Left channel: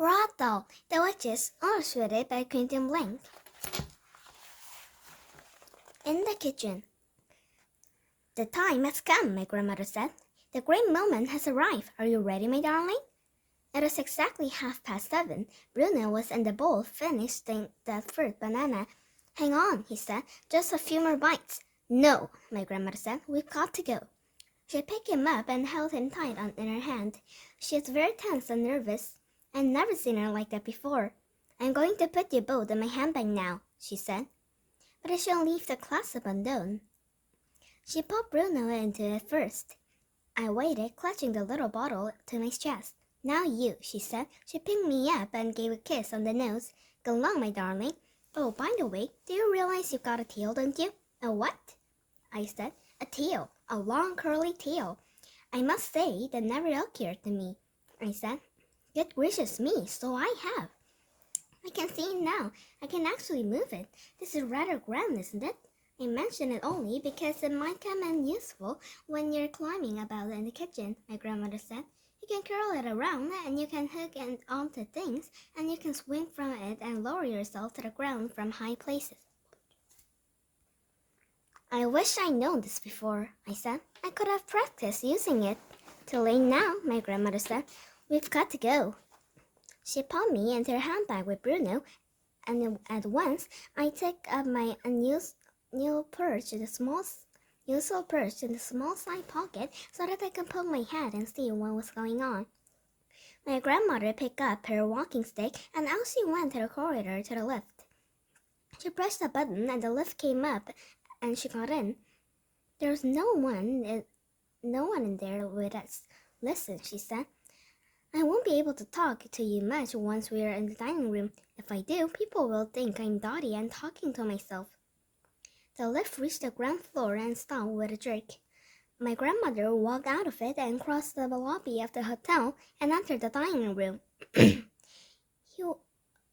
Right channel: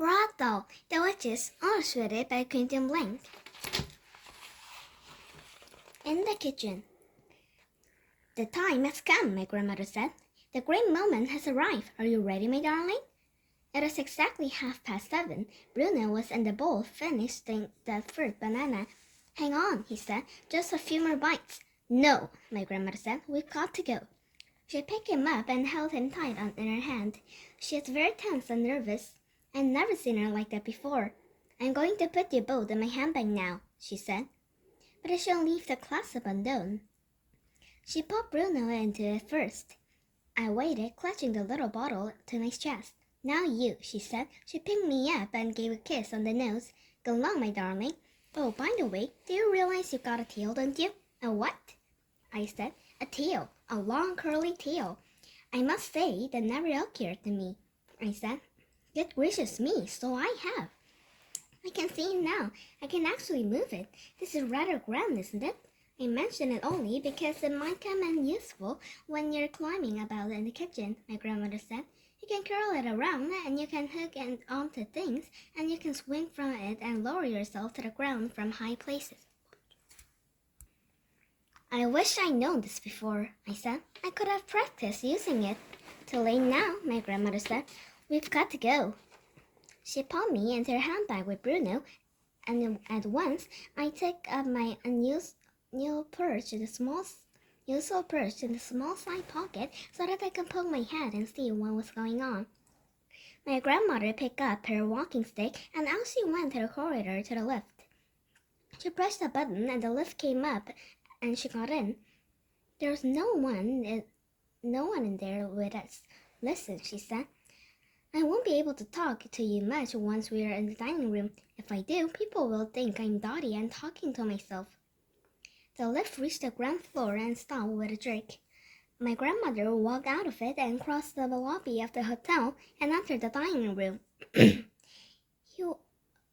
Roald Dahl, The Witches, illustrated by Quentin Blank. In the kitchen. The time has come, my grandmother said. The great moment has arrived. Are you ready, my darling? It was exactly 7:30. Bruno was in the bowl, finishing the third banana. Hang on, he said. Just a few more bites. No, my grandmother said. We've got to go. She picked him up and held him tight in her hand. She was very tense and nervous. I'd never seen her like that before. I'm going to put you both in my handbag now, she said. But I shall leave the clasp undone. She put Bruno into it first. I waited, clutching the little bottle to my chest. Now you, she said. She picked me up and gave a kiss on the nose. Go along, my darling. Oh, by the way, do you realize you got a tail, don't you? A what? I said. A tail. A long curly tail. I must say that never occurred to me, I said. Good gracious me, so I have. I can see it now. I can actually move it. This is rather grand, isn't it? I mention it only because it might come in useful when you're climbing about in the kitchen, my grandmother said. You can curl it around and you can hook it onto things and you can swing from it and lower yourself to the ground from high places. I wish I'd known this before, I said. I could have practiced using it. Too late now, my grandmother said. We've got to go. She put me into her handbag with Bruno, and at once I took up my unusual perch in the small side pocket so that I could poke my head and see what was going on. My grandmother picked up her walking stick, and out she went to the corridor to the lift. She pressed a button, and the lift came up, and she got in. There was no one in there with us. Listen, she said. I won't be able to talk to you much once we are in the dining room. If I do, people will think I'm dotty and talking to myself. The lift reached the ground floor and stopped with a jerk. My grandmother walked out of it and crossed the lobby of the hotel and entered the dining room. It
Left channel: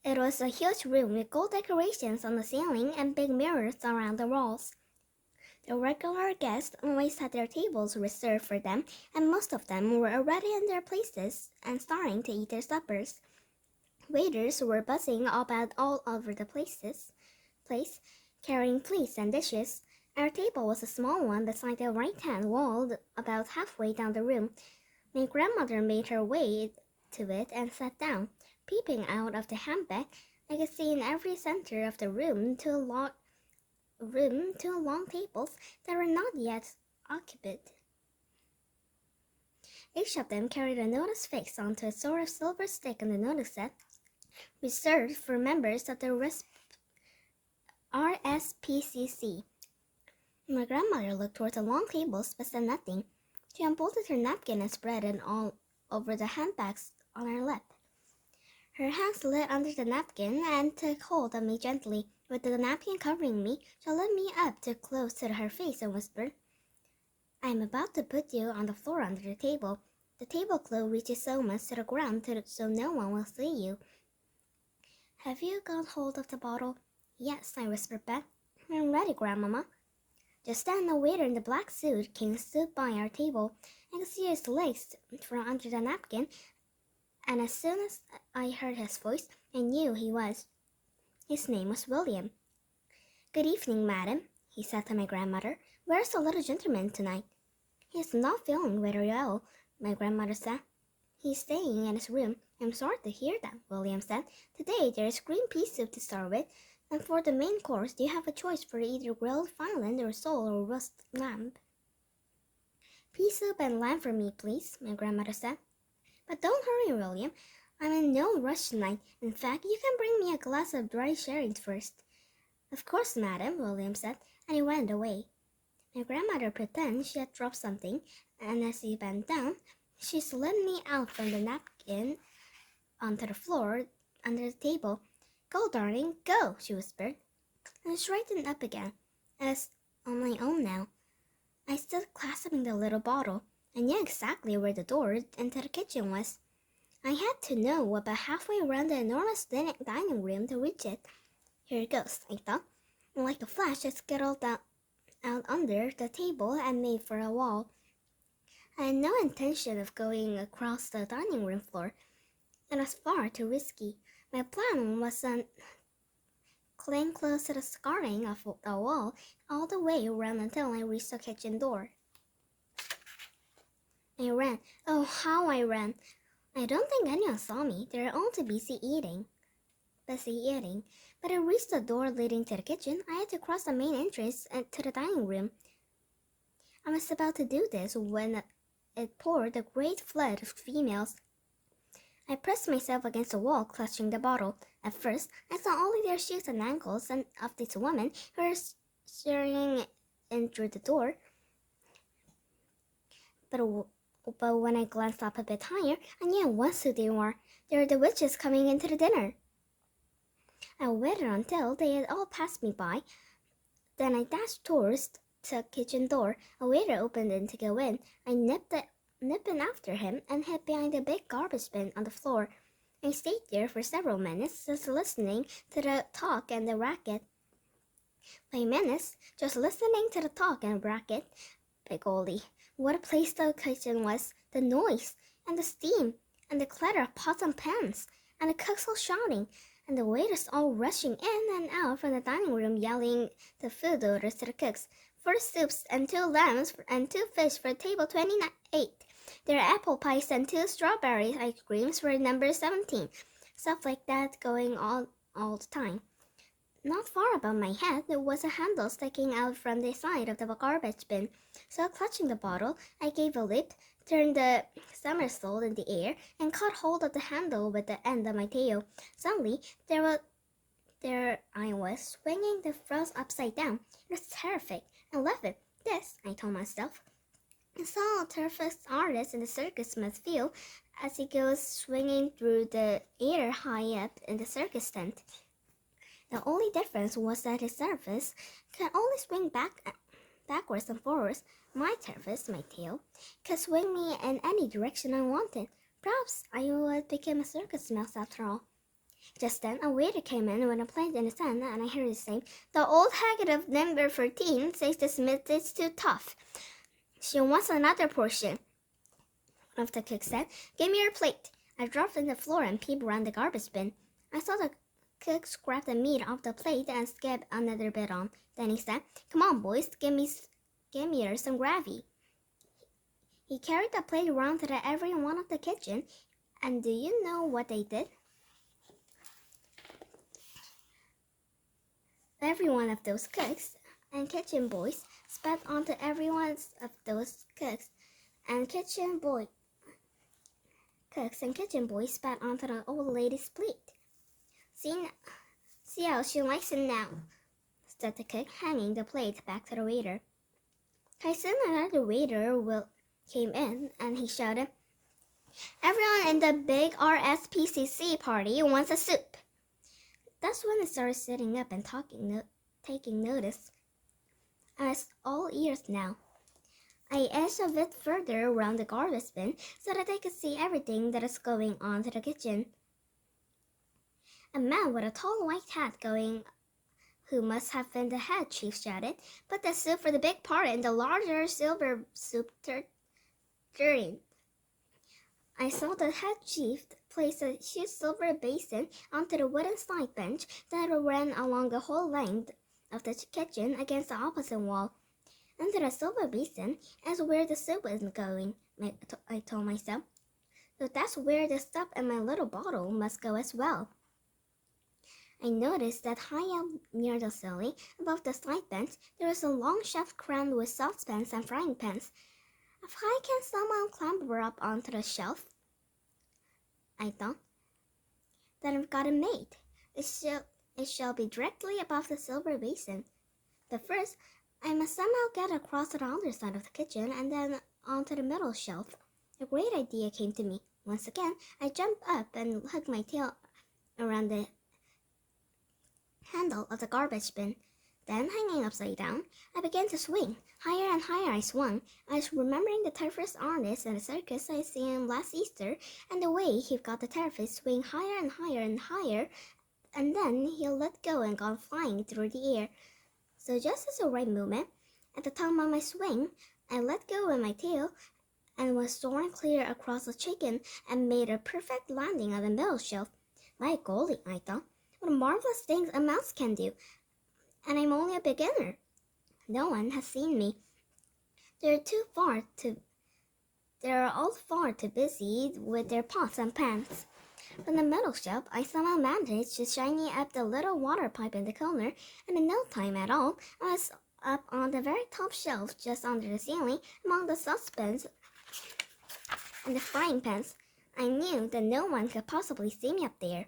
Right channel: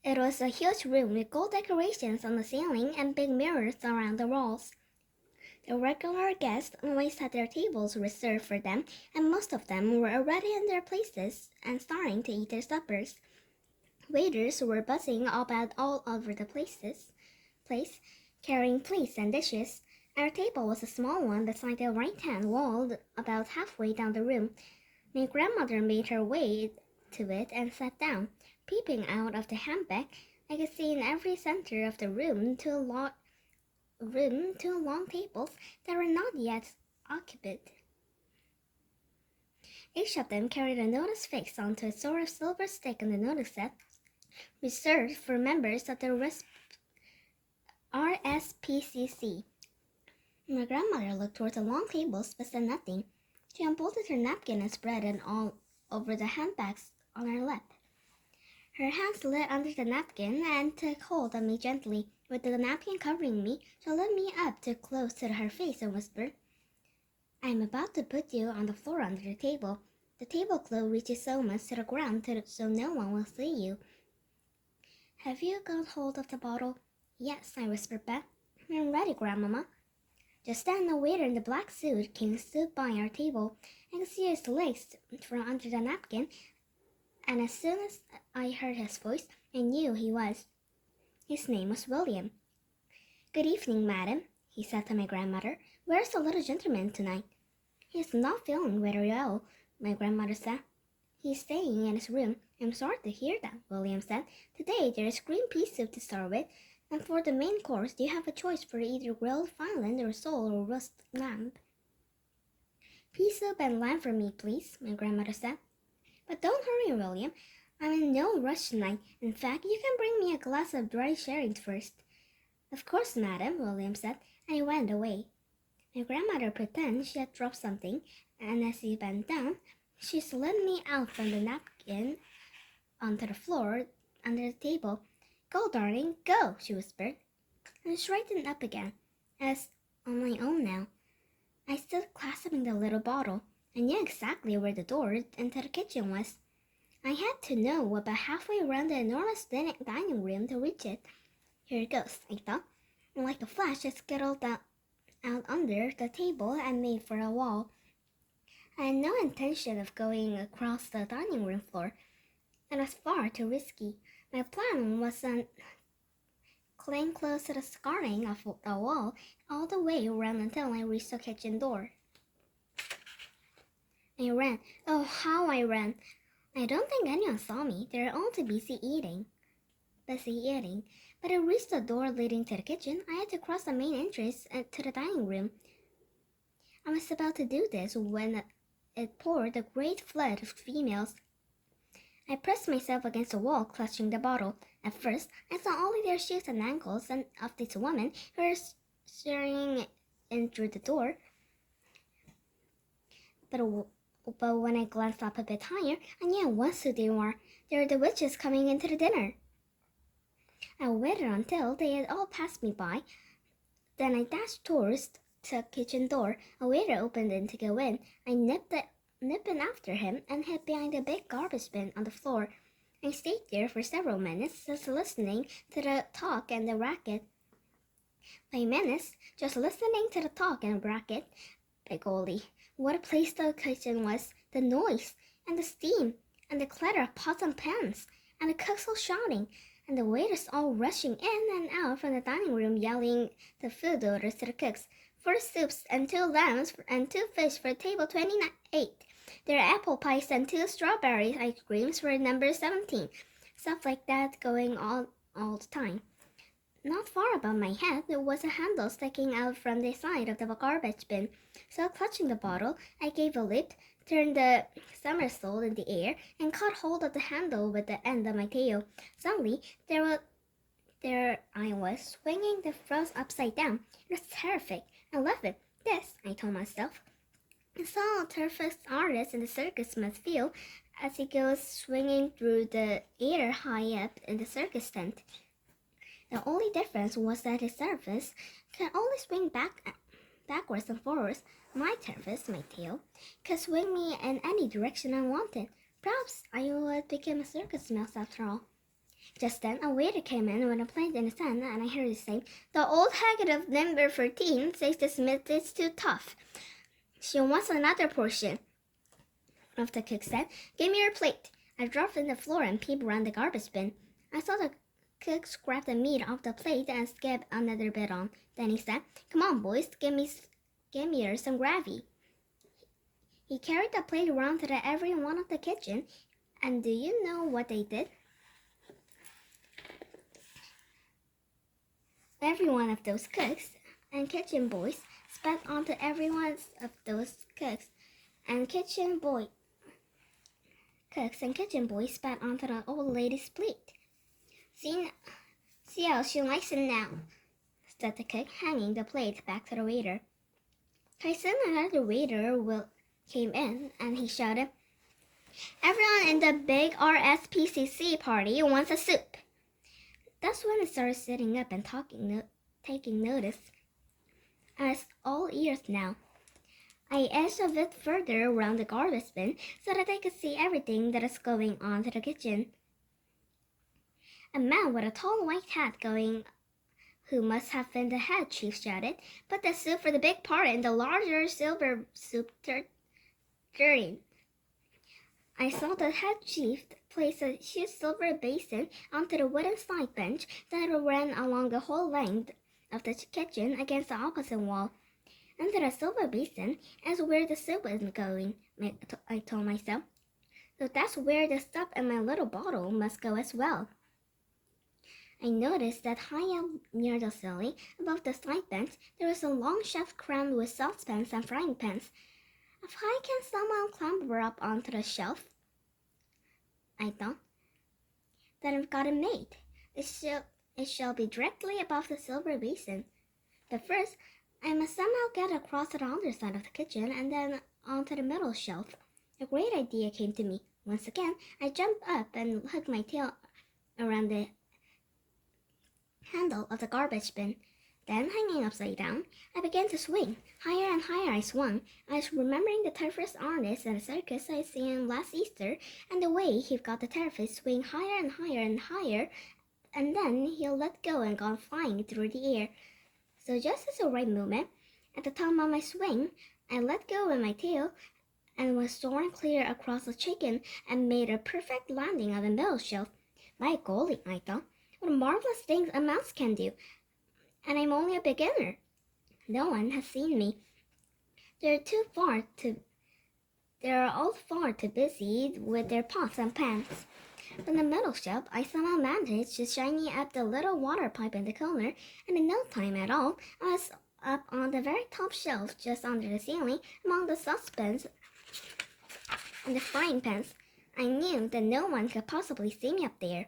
was a huge room with gold decorations on the ceiling and big mirrors around the walls. The regular guests always had their tables reserved for them, and most of them were already in their places and starting to eat their suppers. Waiters were buzzing about all over the place, carrying plates and dishes. Our table was a small one beside the right-hand wall about halfway down the room. My grandmother made her way to it and sat down. Peeping out of the handbag, I could see in every center of the room two long tables that were not yet occupied. Each of them carried a notice fixed onto a sort of silver stick on the notice set, reserved for members of the RSPCC. My grandmother looked toward the long tables but said nothing. She unfolded her napkin and spread it all over the handbags on her lap. Her hand slid under the napkin and took hold of me gently. With the napkin covering me, she lifted me up too close to her face and whispered, I'm about to put you on the floor under the table. The tablecloth reaches so much to the ground so no one will see you. Have you got hold of the bottle? Yes, I whispered back. I'm ready, Grandmama. Just then, a waiter in the black suit came and stood by our table. I could see his legs from under the napkin, and as soon as I heard his voice, I knew he was. His name was William. Good evening, madam, he said to my grandmother. Where's the little gentleman tonight? He's not feeling very well, my grandmother said. He's staying in his room. I'm sorry to hear that, William said. Today there is green pea soup to start with, and for the main course you have a choice for either grilled violin or sole or roast lamb. Pea soup and lamb for me, please, my grandmother said. But don't hurry, William. I'm in no rush tonight. In fact, you can bring me a glass of dry sherry first. Of course, madam, William said, and he went away. My grandmother pretended she had dropped something, and as he bent down, she slid me out from the napkin onto the floor under the table. Go, darling, go, she whispered, and straightened up again. I was on my own now. I stood clasping the little bottle. I knew exactly where the door into the kitchen was. I had to know about halfway around the enormous dining room to reach it. Here it goes, I thought. And like a flash, I scuttled out under the table and made for the wall. I had no intention of going across the dining room floor. It was far too risky. My plan was to cling close to the skirting of the wall all the way around until I reached the kitchen door. I ran. Oh, how I ran! I don't think anyone saw me. They were all too busy eating. But I reached the door leading to the kitchen. I had to cross the main entrance to the dining room. I was about to do this when it poured a great flood of females. I pressed myself against the wall, clutching the bottle. At first, I saw only their shoes and ankles and of these women who were staring in through the door. But when I glanced up a bit higher, I knew at once who they were. They were the witches coming into the dinner. I waited until they had all passed me by. Then I dashed towards the kitchen door. A waiter opened it to go in. I nipped in after him and hid behind a big garbage bin on the floor. I stayed there for several minutes, just listening to the talk and the racket. 5 minutes, just listening to the talk and racket. By golly, what a place the kitchen was! The noise, and the steam, and the clatter of pots and pans, and the cooks all shouting, and the waiters all rushing in and out from the dining room yelling the food orders to the cooks. 4 soups and 2 lambs and 2 fish for table 28. There are apple pies and 2 strawberry ice creams for number 17. Stuff like that going on all the time. Not far above my head, there was a handle sticking out from the side of the garbage bin. So clutching the bottle, I gave a leap, turned the somersault in the air, and caught hold of the handle with the end of my tail. Suddenly, there I was, swinging the froze upside down. It was terrific. I love it. This, I told myself, is how a turfist artist in the circus must feel as he goes swinging through the air high up in the circus tent. The only difference was that his surface could only swing backwards and forwards. My surface, my tail, could swing me in any direction I wanted. Perhaps I would become a circus mouse after all. Just then, a waiter came in with a plate in his hand, and I heard him say, "The old hag of number 13 says the smith is too tough. She wants another portion." One of the cooks said, "Give me your plate." I dropped on the floor and peeped around the garbage bin. I saw the cook scrap the meat off the plate and skip another bit on. Then he said, "Come on, boys, give me some gravy." He carried the plate around to every one of the kitchen, and do you know what they did? Every one of those cooks and kitchen boys spat onto every one of those cooks and kitchen boys spat onto the old lady's plate. See how she likes it now," said the cook, hanging the plate back to the waiter. Soon another waiter came in, and he shouted, "Everyone in the big RSPCC party wants a soup." That's when I started sitting up and taking notice. I was all ears now. I edged a bit further around the garbage bin so that I could see everything that is going on to the kitchen. A man with a tall white hat who must have been the head chief, shouted, "Put the soup for the big party in the larger silver soup tureen." I saw the head chief place a huge silver basin onto the wooden side bench that ran along the whole length of the kitchen against the opposite wall. Into the silver basin is where the soup is going, I told myself. So that's where the stuff in my little bottle must go as well. I noticed that high up near the ceiling, above the side bench, there was a long shelf crammed with saucepans and frying pans. If I can somehow clamber up onto the shelf, I thought, then I've got it made. It shall be directly above the silver basin. But first, I must somehow get across to the other side of the kitchen and then onto the middle shelf. A great idea came to me. Once again, I jumped up and hooked my tail around the handle of the garbage bin. Then, hanging upside down, I began to swing. Higher and higher I swung. I was remembering the turfist artist in the circus I seen last Easter, and the way he got the turfist swing higher and higher and higher, and then he'll let go and go flying through the air. So just as the right moment, at the top of my swing, I let go with my tail and was soaring clear across the chicken and made a perfect landing on the middle shelf. My golly, I thought, what marvelous things a mouse can do, and I'm only a beginner. No one has seen me. They're all far too busy with their pots and pans. From the middle shelf, I somehow managed to shiny up the little water pipe in the corner, and in no time at all, I was up on the very top shelf, just under the ceiling, among the saucepans and the frying pans. I knew that no one could possibly see me up there.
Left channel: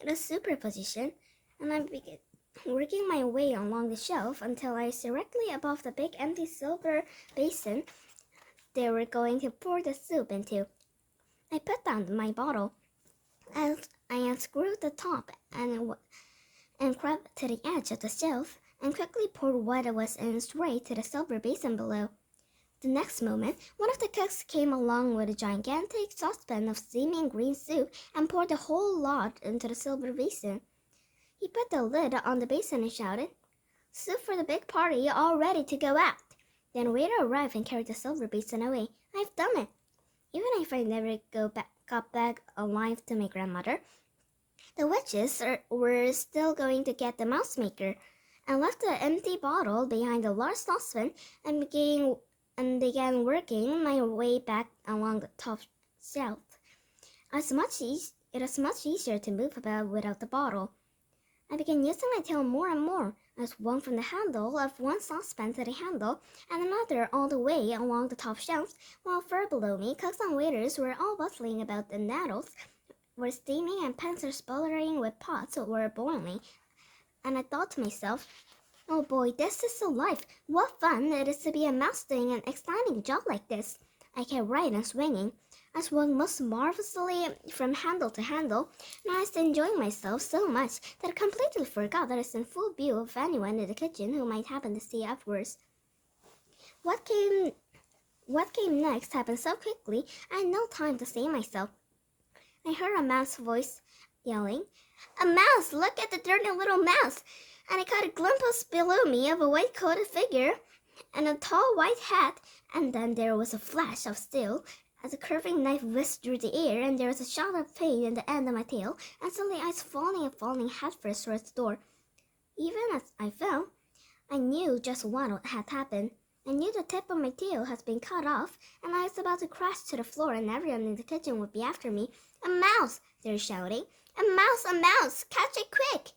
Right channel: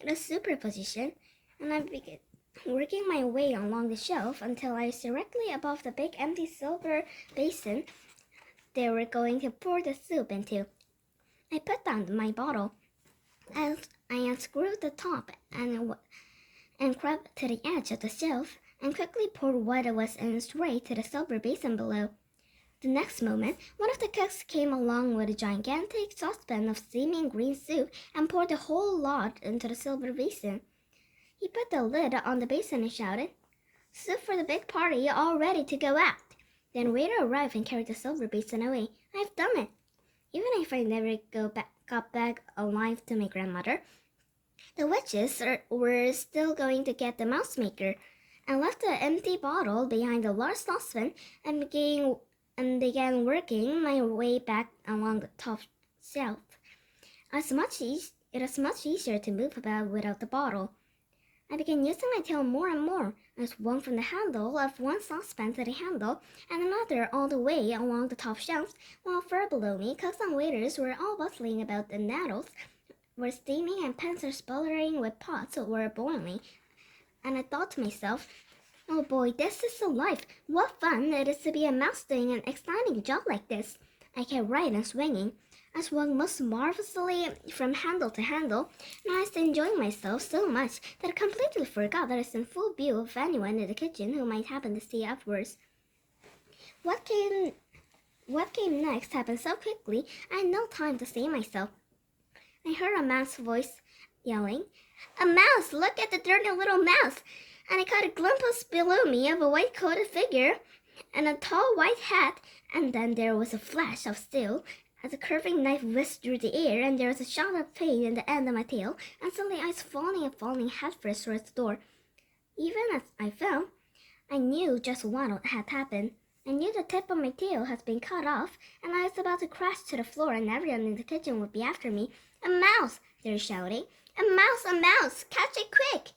It was superposition, and I began working my way along the shelf until I was directly above the big empty silver basin they were going to pour the soup into. I put down my bottle, and I unscrewed the top and crept to the edge of the shelf and quickly poured what was in straight to the silver basin below. The next moment, one of the cooks came along with a gigantic saucepan of steaming green soup and poured the whole lot into the silver basin. He put the lid on the basin and shouted, "Soup for the big party, all ready to go out." Then a waiter arrived and carried the silver basin away. I've done it. Even if I never got back alive to my grandmother, the witches were still going to get the mouse maker. I left the empty bottle behind the large saucepan and began working my way back along the top shelf. It was much easier to move about without the bottle. I began using my tail more and more. I swung from the handle of one saucepan to the handle and another all the way along the top shelves, while far below me, cooks and waiters were all bustling about. The nettles were steaming and pans were sputtering with pots were boiling. And I thought to myself, oh boy, this is the life. What fun it is to be a mouse doing an exciting job like this. I kept right and swinging. I swung most marvelously from handle to handle, and I was enjoying myself so much that I completely forgot that I was in full view of anyone in the kitchen who might happen to see afterwards. What came next happened so quickly I had no time to say myself. I heard a man's voice yelling, "A mouse! Look at the dirty little mouse!" And I caught a glimpse below me of a white-coated figure and a tall white hat, and then there was a flash of steel as a curving knife whisked through the air, and there was a shout of pain in the end of my tail, and suddenly I was falling headfirst towards the door. Even as I fell, I knew just what had happened. I knew the tip of my tail had been cut off, and I was about to crash to the floor, and everyone in the kitchen would be after me. "A mouse!" they were shouting. "A mouse! A mouse! Catch it quick!"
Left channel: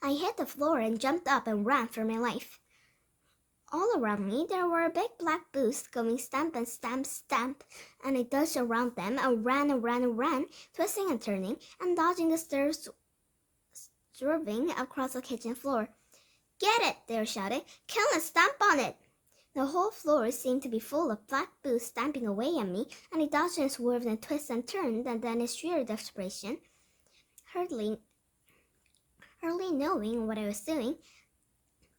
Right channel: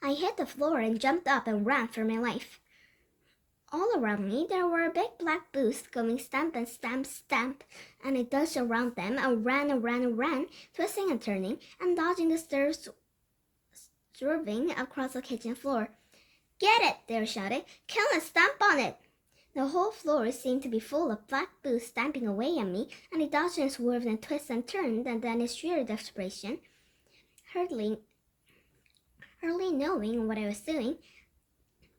I hit the floor and jumped up and ran for my life. All around me there were big black boots going stamp and stamp, stamp, and I dodged around them and ran, twisting and turning and dodging the stairs, swerving across the kitchen floor. "Get it!" they were shouting. "Come and stamp on it!" The whole floor seemed to be full of black boots stamping away at me, and I dodged and swerved and twisted and turned, and then in sheer desperation, hardly knowing what I was doing,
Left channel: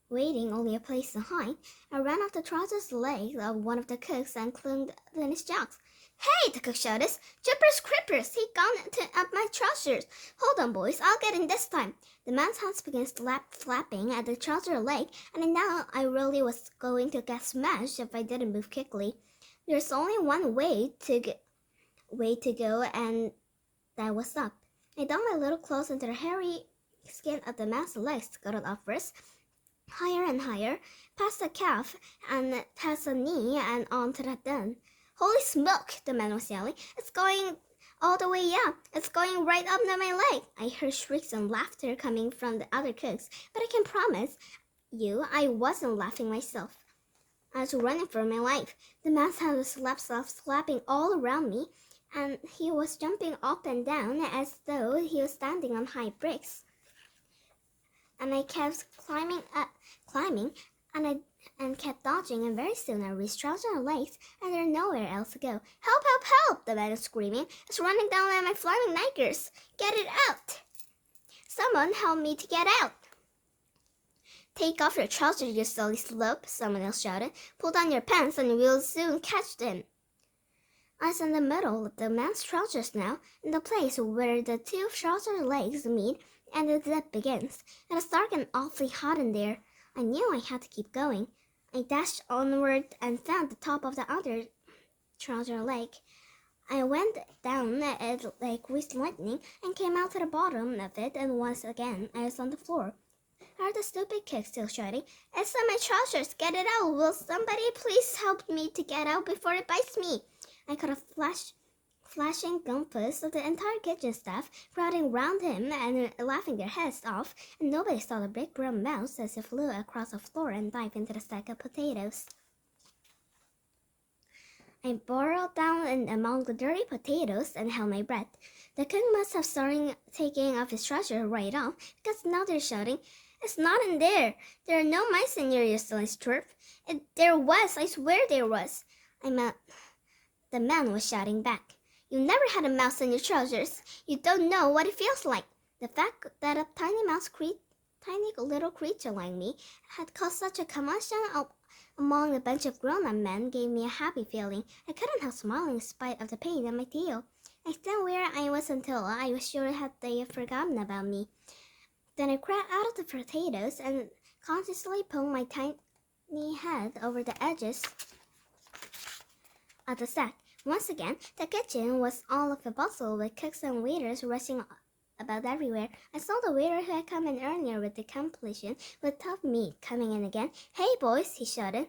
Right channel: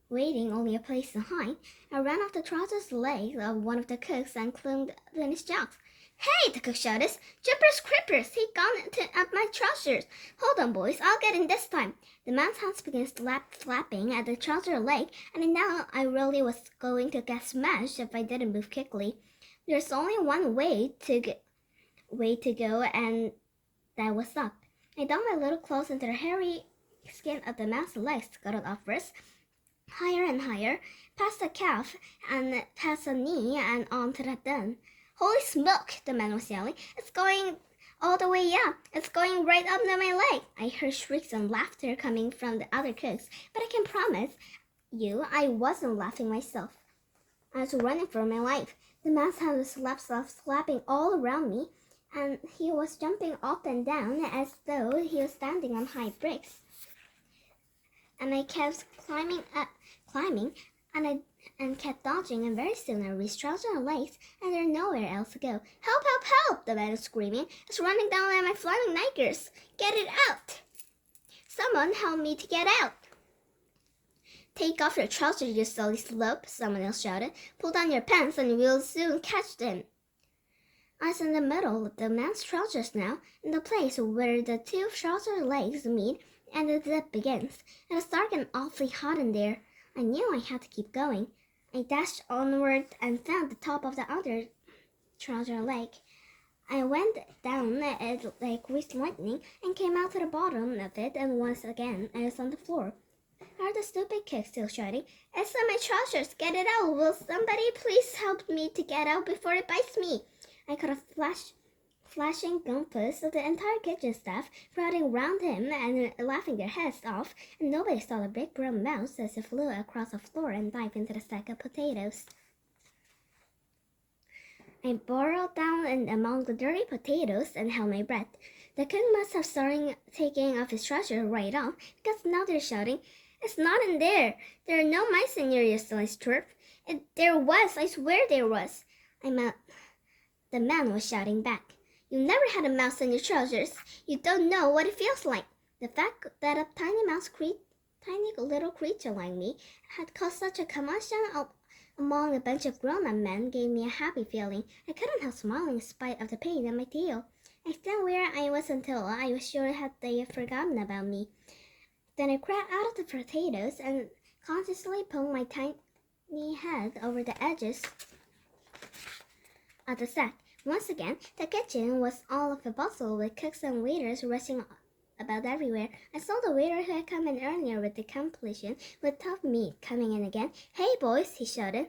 waiting only a place to hide, I ran off the trousers legs of one of the cooks and clung in his jocks. "Hey!" the cook shouted. "Jippers creepers! He got up my trousers! Hold on, boys, I'll get in this time!" The man's hands began flapping at the trouser leg, and now I really was going to get smashed if I didn't move quickly. There's only one way to go, and that was up. I dug my little claws into the hairy skin of the man's legs, scuttled upwards, higher and higher, past the calf and past the knee and on to the thumb. "Holy smoke!" the man was yelling. "It's going all the way up. It's going right up to my leg." I heard shrieks and laughter coming from the other cooks, but I can promise you I wasn't laughing myself. I was running for my life. The man's hand was slapping all around me, and he was jumping up and down as though he was standing on high bricks. And I kept climbing, and kept dodging, and very soon I reached trousers and legs, and there was nowhere else to go. "Help, help, help!" the man was screaming. "It's running down at my flying knickers! Get it out! Someone help me to get out!" "Take off your trousers, you silly slope," someone else shouted. "Pull down your pants and we'll soon catch them." I was in the middle of the man's trousers now, in the place where the two trouser legs meet and the zip begins. It was dark and awfully hot in there. I knew I had to keep going. I dashed onward and found the top of the other trouser leg. I went down it like whizzed lightning and came out to the bottom of it, and once again I was on the floor. I heard the stupid kid still shouting, "It's on my trousers! Get it out! Will somebody please help me to get out before it bites me?" I could have flashing glimpses of the entire kitchen staff crowding round him and laughing their heads off, and nobody saw the big brown mouse as it flew across the floor and dived into the sack of potatoes. I burrowed down in among the dirty potatoes and held my breath. The cook must have started taking off his trousers right off, because now they're shouting, "It's not in there! There are no mice in your useless turf!" "There was! I swear there was!" The man was shouting back. "You never had a mouse in your trousers. You don't know what it feels like." The fact that a tiny little creature like me had caused such a commotion among a bunch of grown-up men gave me a happy feeling. I couldn't help smiling in spite of the pain in my tail. I stayed where I was until I was sure they had forgotten about me. Then I crawled out of the potatoes and consciously pulled my tiny head over the edges of the sack. Once again, the kitchen was all of a bustle with cooks and waiters rushing about everywhere. I saw the waiter who had come in earlier with the completion with tough meat coming in again. "Hey, boys," he shouted.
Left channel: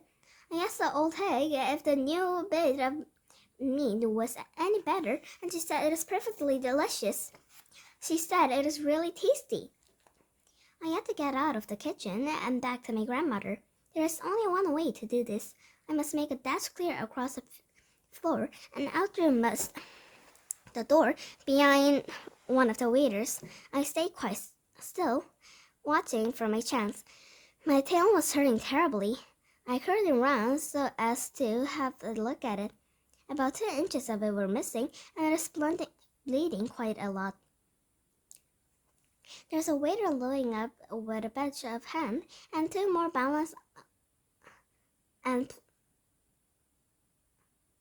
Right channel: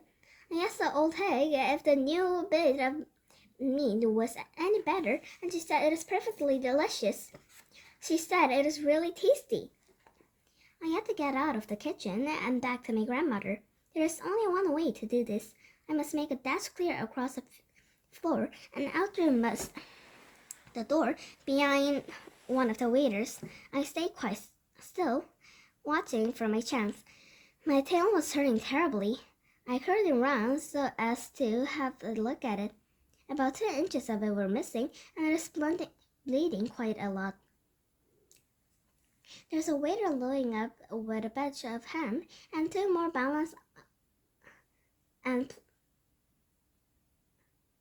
I asked the old hag if the new bit of meat was any better, and she said it was perfectly delicious. She said it was really tasty. I had to get out of the kitchen and back to my grandmother. There is only one way to do this. I must make a dash clear across the floor and out through the door behind one of the waiters. I stayed quite still, watching for my chance. My tail was hurting terribly. I curled around so as to have a look at it. About 2 inches of it were missing, and it was bleeding quite a lot. There's a waiter loading up with a batch of ham and 2 more balanced and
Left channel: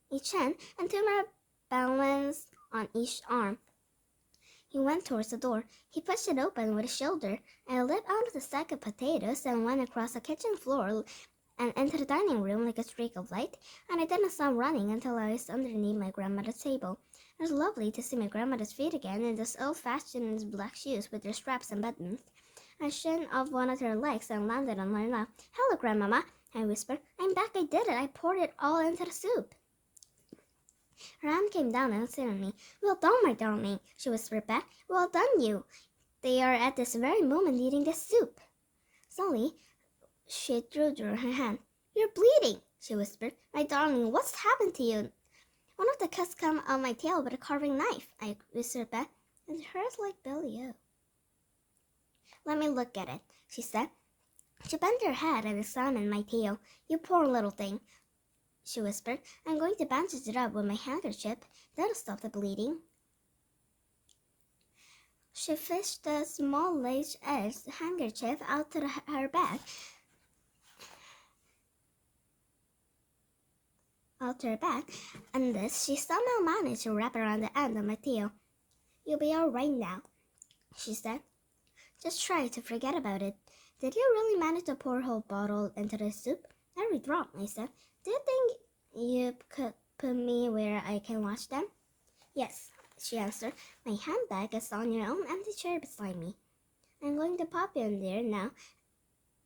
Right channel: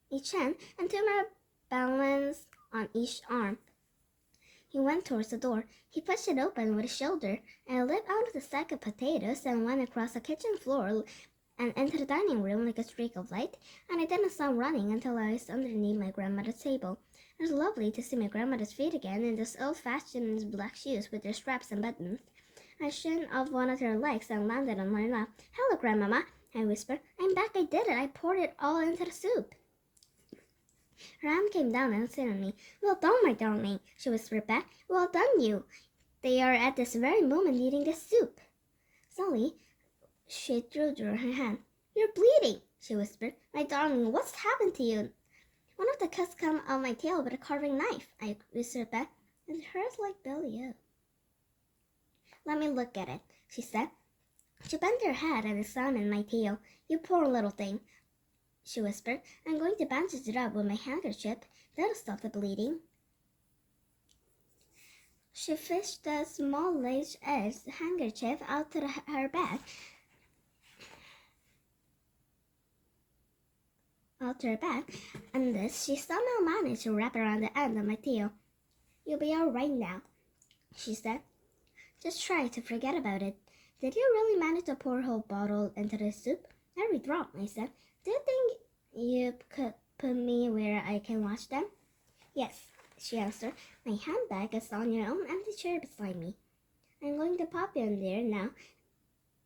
each hand and 2 more balanced on each arm. He went towards the door. He pushed it open with his shoulder. I leaped out of the sack of potatoes and went across the kitchen floor and into the dining room like a streak of light, and I didn't stop running until I was underneath my grandmother's table. It was lovely to see my grandmother's feet again in those old-fashioned black shoes with their straps and buttons. I shin off one of her legs and landed on my lap. "Hello, Grandmama," I whispered. "I'm back. I did it. I poured it all into the soup." Her hand came down and sat on me. "Well done, my darling," she whispered back. "Well done, you. They are at this very moment eating this soup." Suddenly, she drew her hand. "You're bleeding," she whispered. "My darling, what's happened to you?" "One of the cuts came on my tail with a carving knife," I whispered back. "It hurts like belly-o." "Let me look at it," she said. She bent her head and examined my tail. "You poor little thing," she whispered. "I'm going to bandage it up with my handkerchief. That'll stop the bleeding." She fished a small lace-edged handkerchief out of her bag. And this she somehow managed to wrap around the end of my tail. "You'll be all right now," she said. "Just try to forget about it." "Did you really manage to pour a whole bottle into the soup?" "Every drop," I said. "Do you think you could put me where I can watch them?" "Yes," she answered. "My handbag is on your own empty chair beside me. I'm going to pop you in there now,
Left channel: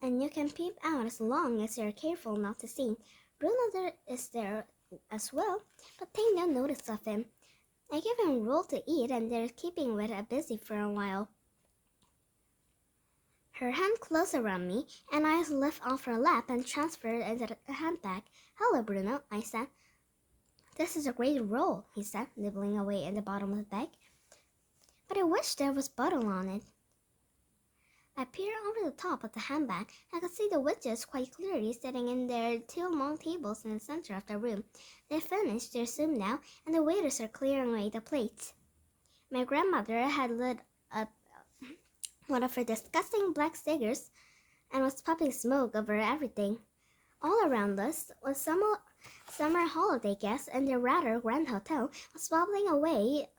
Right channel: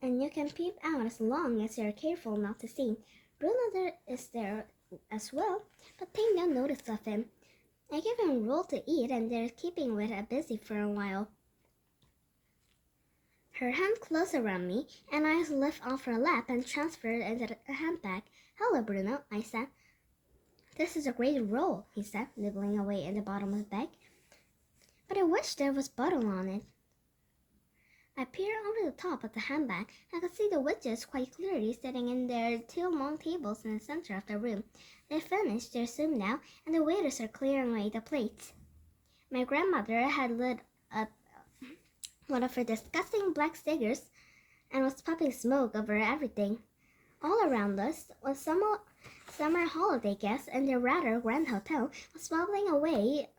and you can peep out as long as you're careful not to see. Bruno is there as well, but take no notice of him. I gave him a roll to eat, and they're keeping with busy for a while." Her hand closed around me, and I was lifted off her lap and transferred into the handbag. "Hello, Bruno," I said. "This is a great roll," he said, nibbling away in the bottom of the bag. "But I wish there was butter on it." I peered over the top of the handbag. I could see the witches quite clearly sitting in their 2 long tables in the center of the room. They finished their soup now, and the waiters are clearing away the plates. My grandmother had lit up one of her disgusting black cigars and was puffing smoke over everything. All around us was summer holiday guests, and their rather grand hotel was bubbling away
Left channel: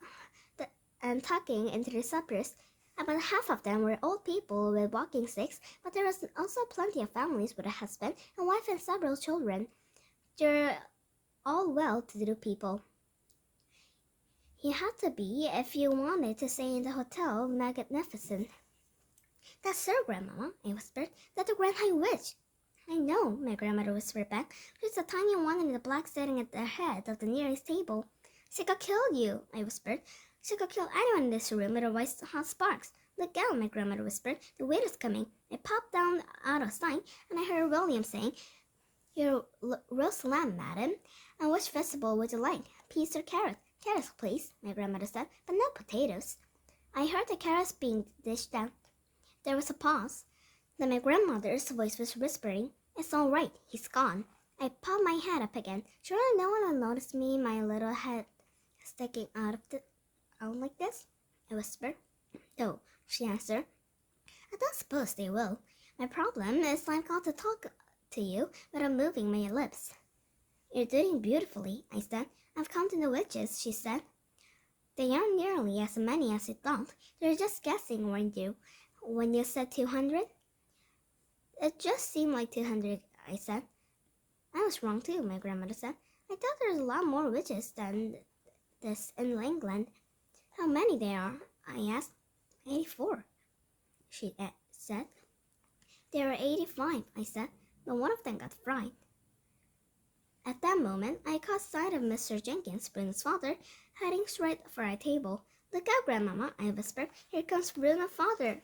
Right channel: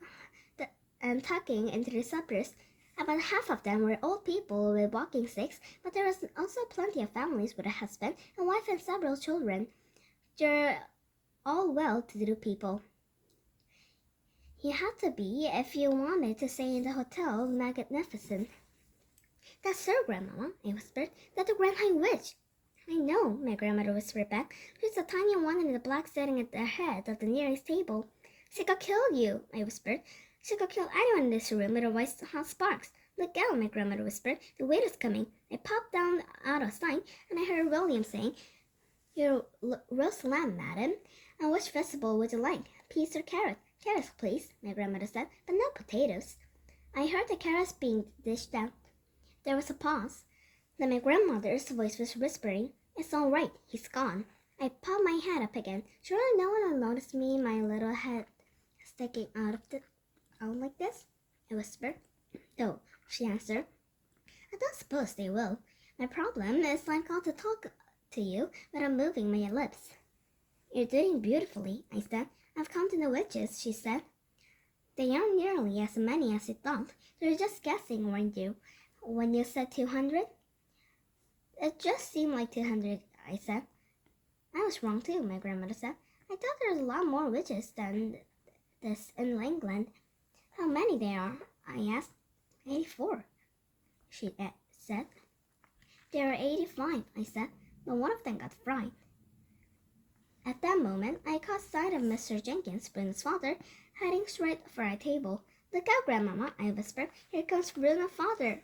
and tucking into their suppers. About half of them were old people with walking sticks, but there was also plenty of families with a husband and wife and several children. There all well-to-do people. You had to be if you wanted to stay in the Hotel Magnificent. That's so, Grandmama, I whispered. That's the Grand High Witch. I know, my grandmother whispered back. She's a tiny one in the black sitting at the head of the nearest table. She could kill you, I whispered. She could kill anyone in this room with her white hot sparks. Look out, my grandmother whispered. The waiter's coming. I popped down out of sight, and I heard William saying, Your roast lamb, madam. And which vegetable would you like? Peas or carrots? Carrots, please, my grandmother said, but no potatoes. I heard the carrots being dished out. There was a pause. Then my grandmother's voice was whispering, It's all right, he's gone. I popped my head up again. Surely no one will notice me, my little head sticking out like this? I whispered. No, she answered. I don't suppose they will. My problem is I got to talk to you without moving my lips. You're doing beautifully, I said. I've counted the witches, she said. They aren't nearly as many as you thought. You're just guessing, weren't you? When you said 200? It just seemed like 200, I said. I was wrong too, my grandmother said. I thought there was a lot more witches than this in England. How many there are? I asked. 84, she said. There are 85, I said, but one of them got fried. At that moment, I caught sight of Mr. Jenkins, Bruno's father, heading straight for our table. Look out, Grandmama, I whispered. Here comes Bruno's father.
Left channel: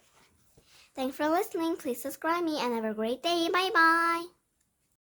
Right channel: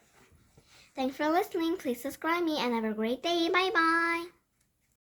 Thanks for listening. Please subscribe me and have a great day. Bye-bye.